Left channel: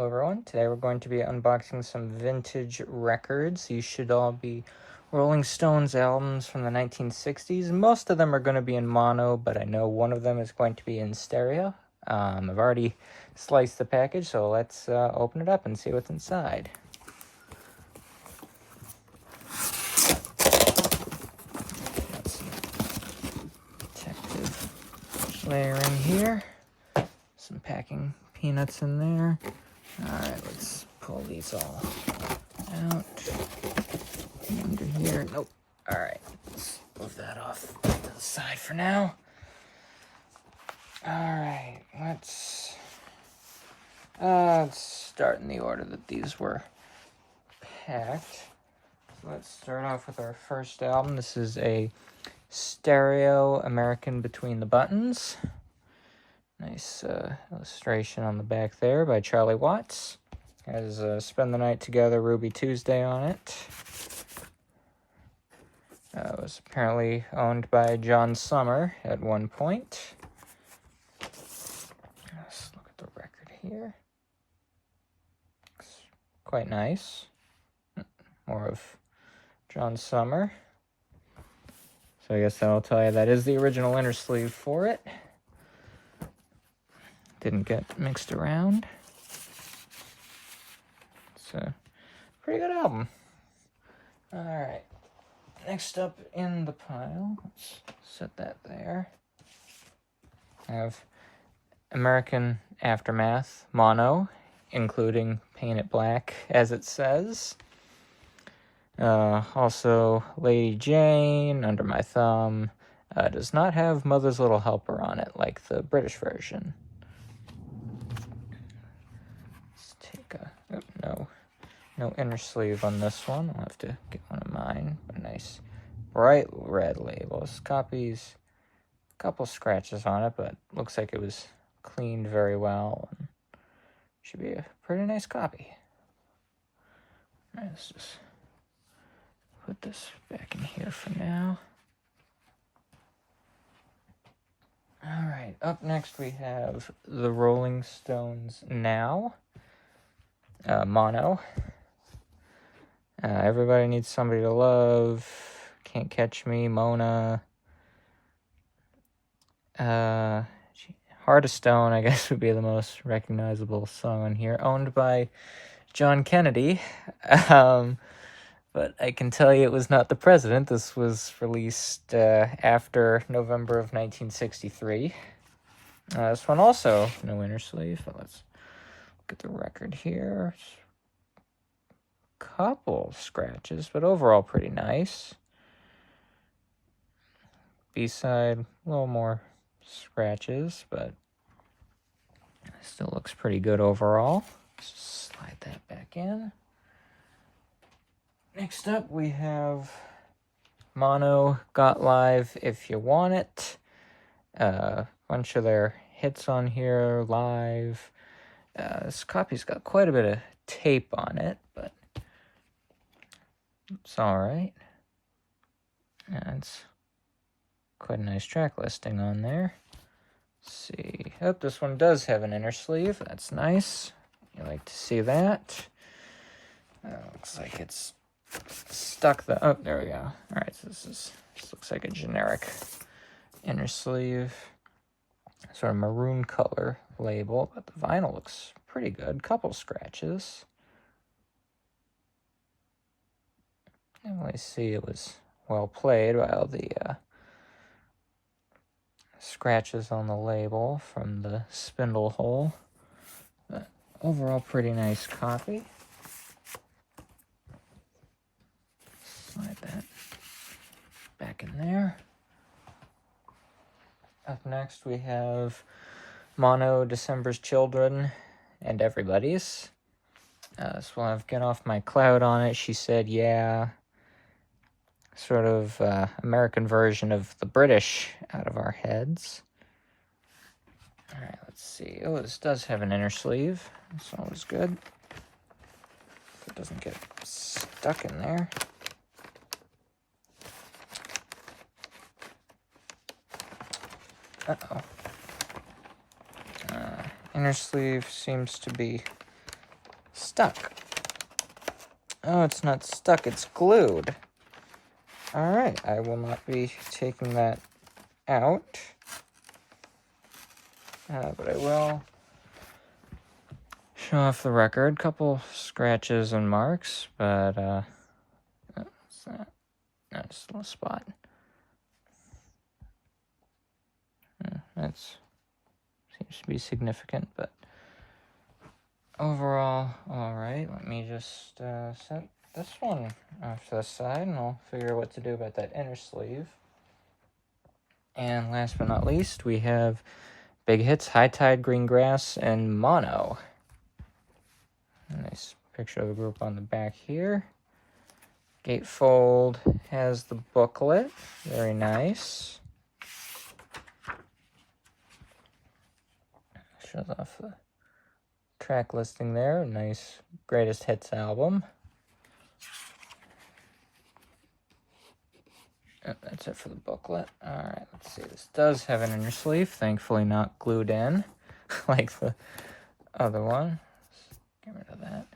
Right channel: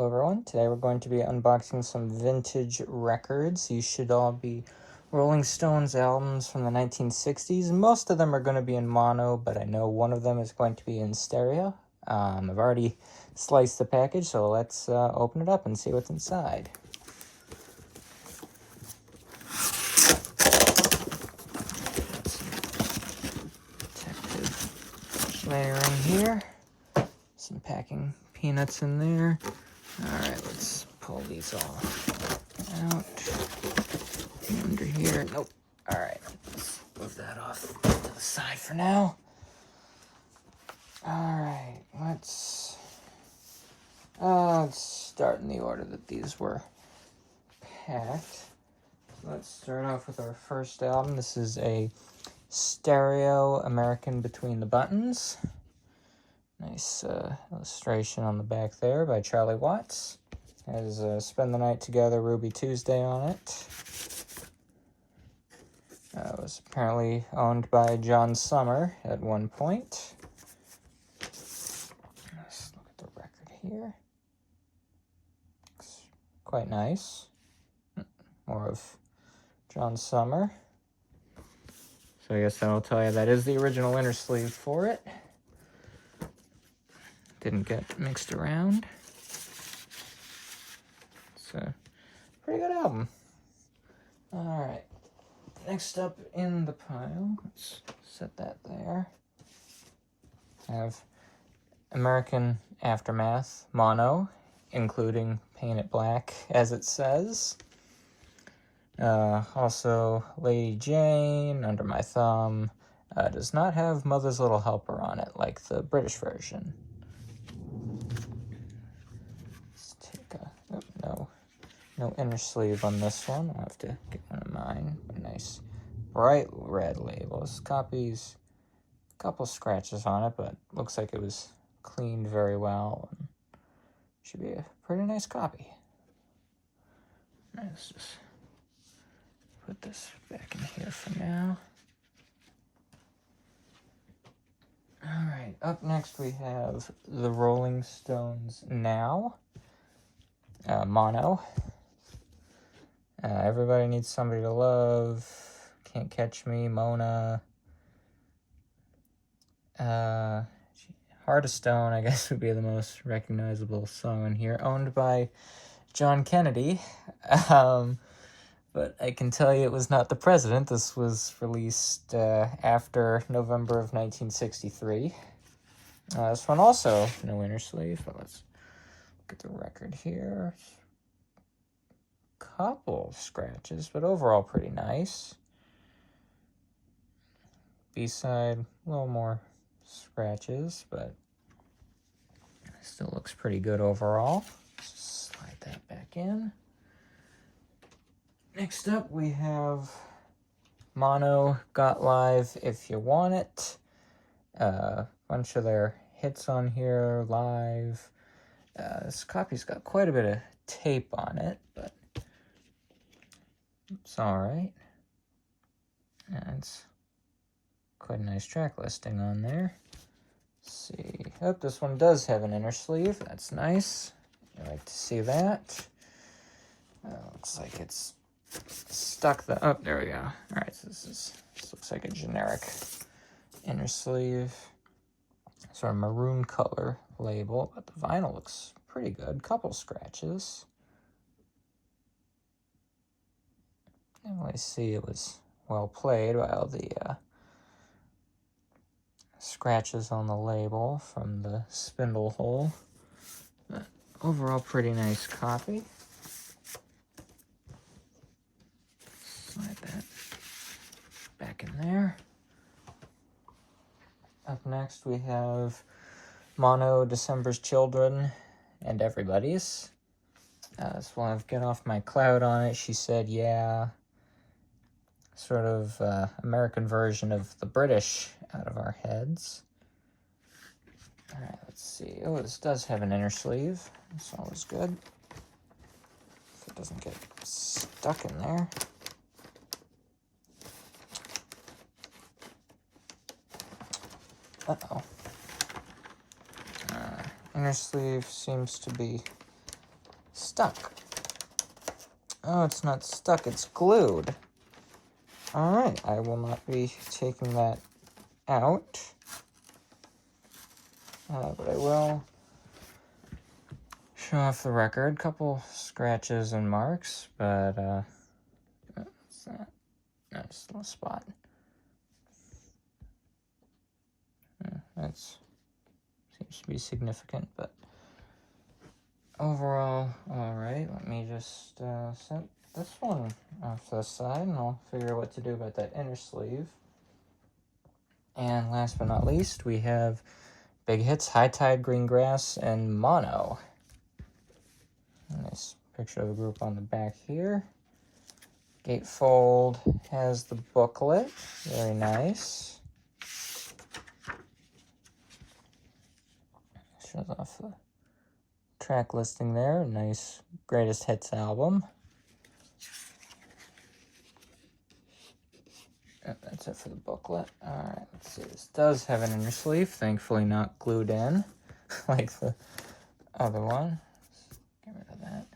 Hello everyone, today we're going to be unboxing some vintage records. These should all be Rolling Stones albums from the 1960s. Most of them are going to be in mono, but I know one of them is going to be in stereo. I've already sliced the package, so let's open it up and see what's inside. Protective layering here. Some packing peanuts in there. Alright, let's pull these all out. Under here, nope. Alright, let's move that off to the side for now. Alright, let's start in the order that these were packed. Let's start off with our first album. This is a stereo American Between the Buttons. Nice illustration on the back there by Charlie Watts. It has Spend the Night Together, Ruby Tuesday on it. It was apparently owned by John Summer at one point. Let's look at the record here. Looks quite nice. More of John Summer. So I guess that'll tell you that is the original inner sleeve for it. Didn't get mixed around. It's a pretty good album. Alright. Next up in the pile, let's set that there. I have American Aftermath mono, including Paint It Black, as it says. Also, Lady Jane, Under My Thumb, does not have Mother's Little Helper on it, like the British version. Let's take no inner sleeve on this one. I'll have to get one of mine. A nice bright red label. This copy's a couple scratches on it, but looks like it was cleaned very well. And should be a pretty nice copy. All right, let's just put this back in here for now. All right, up next we have the Rolling Stones Now, mono. Everybody Needs Somebody to Love, Can't Catch Me, Mona. Heart of Stone, I guess, would be the most recognizable song on here. Owned by John Kennedy. But I can tell you it was not the president. This was released after November of 1963. This one also, no inner sleeve. Let's look at the record here. Couple scratches, but overall pretty nice. B-side, a little more scratches, but still looks pretty good overall. Let's just slide that back in. Next up, we have mono, Got Live, If You Want It. Bunch of their hits on here, live. This copy's got quite a bit of tape on it, but it's alright. And it's quite a nice track listing on there. Let's see. Oh, this one does have an inner sleeve. That's nice. You like to see that. Looks like it's stuck the... Oh, there we go. Alright, so this looks like a generic inner sleeve. Sort of maroon color label, but the vinyl looks pretty good. Couple scratches. I didn't really see it was well played by all the scratches on the label from the spindle hole. But overall, pretty nice copy. Slide that back in there. Up next, we have mono, December's Children, and Everybody's. This will have Get Off My Cloud on it. She Said Yeah. Sort of American version of the British Out of Our Heads. Alright, let's see. Oh, this does have an inner sleeve. That's always good. So it doesn't get stuck in there. Uh-oh. Inner sleeve seems to be stuck. Oh, it's not stuck, it's glued. All right, I will not be taking that out. But I will show off the record. Couple scratches and marks, but what's that? No, just a little spot. That seems to be significant, but overall, all right. Let me just set this one off to the side, and I'll figure out what to do about that inner sleeve. And last but not least, we have Big Hits, High Tide, Green Grass, and Mono. Nice picture of the group on the back here. Gatefold has the booklet. Very nice. Shows off the track listing there. Nice greatest hits album. Oh, that's it for the booklet. Alright, let's see. This does have an inner sleeve. Thankfully not glued in like the other one. Let's get rid of that.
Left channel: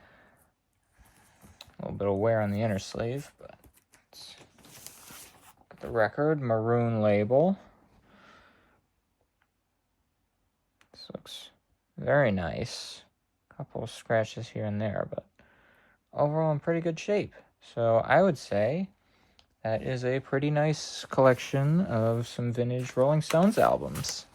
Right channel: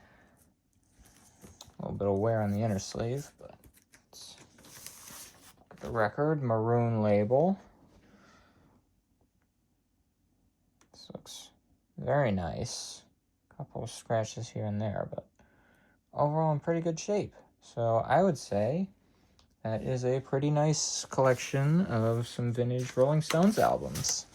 A little bit of wear on the inner sleeve, but let's get the record. Maroon label. This looks very nice. Couple of scratches here and there, but overall in pretty good shape. So I would say that is a pretty nice collection of some vintage Rolling Stones albums.